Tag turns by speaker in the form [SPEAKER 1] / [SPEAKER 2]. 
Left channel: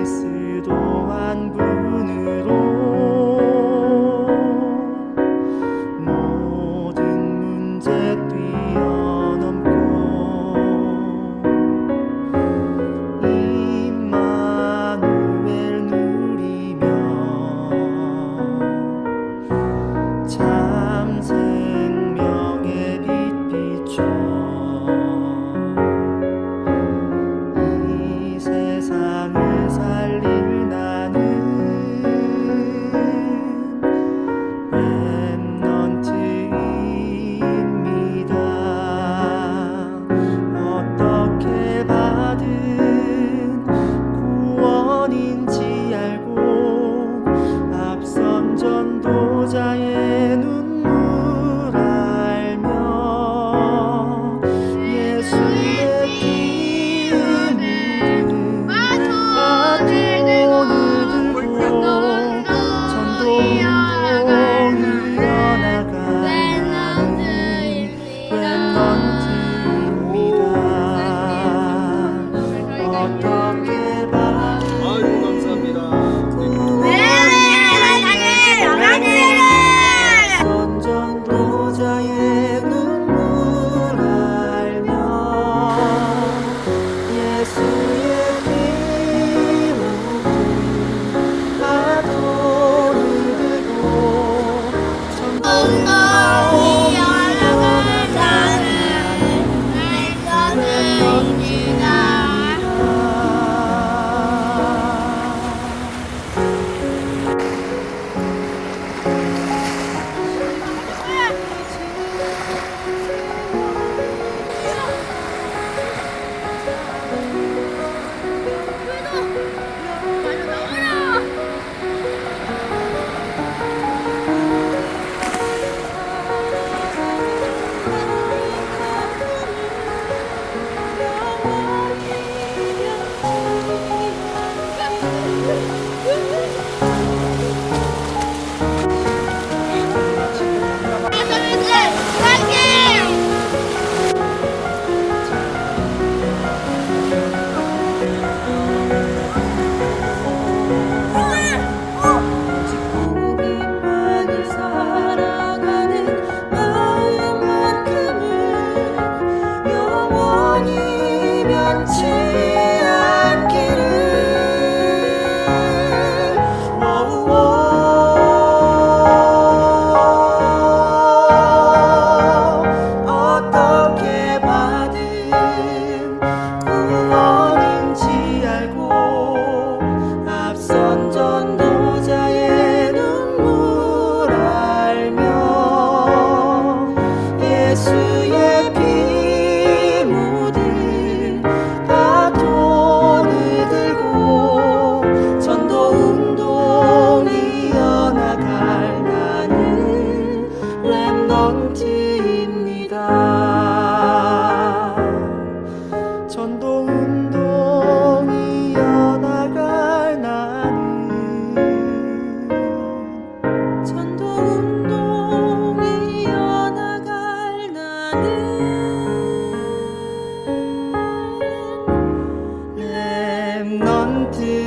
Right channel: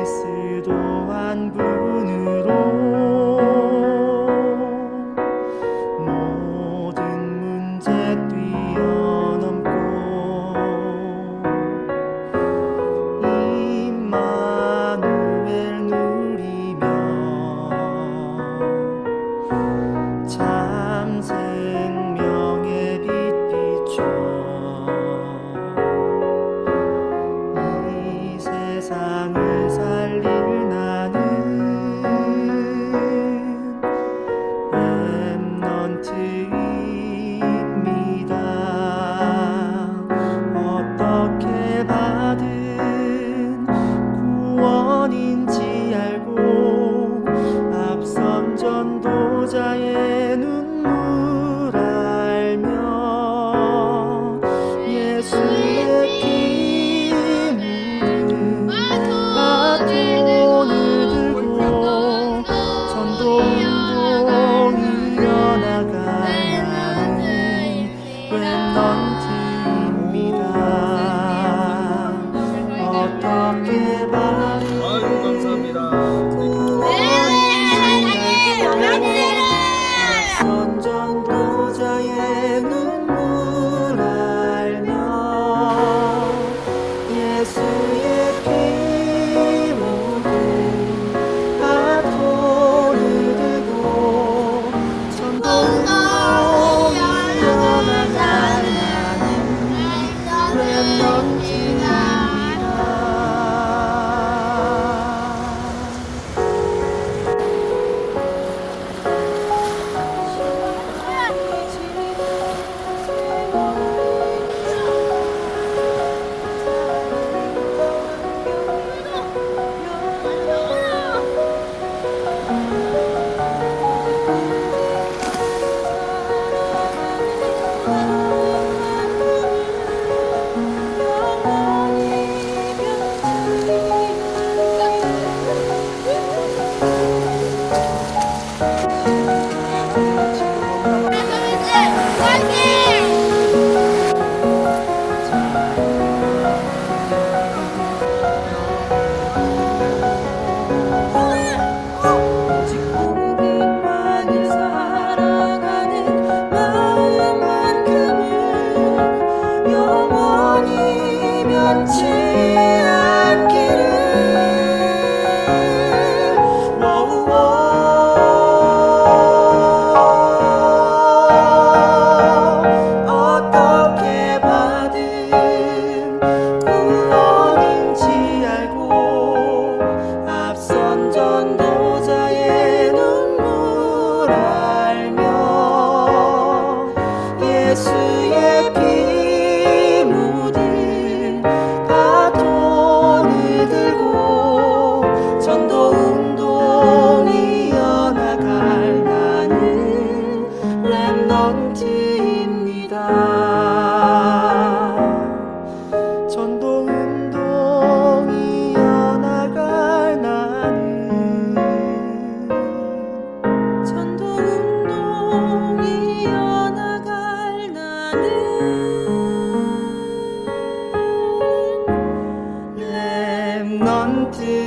[SPEAKER 1] 그리스도 한 분으로 Jesus. 나는 렘넌트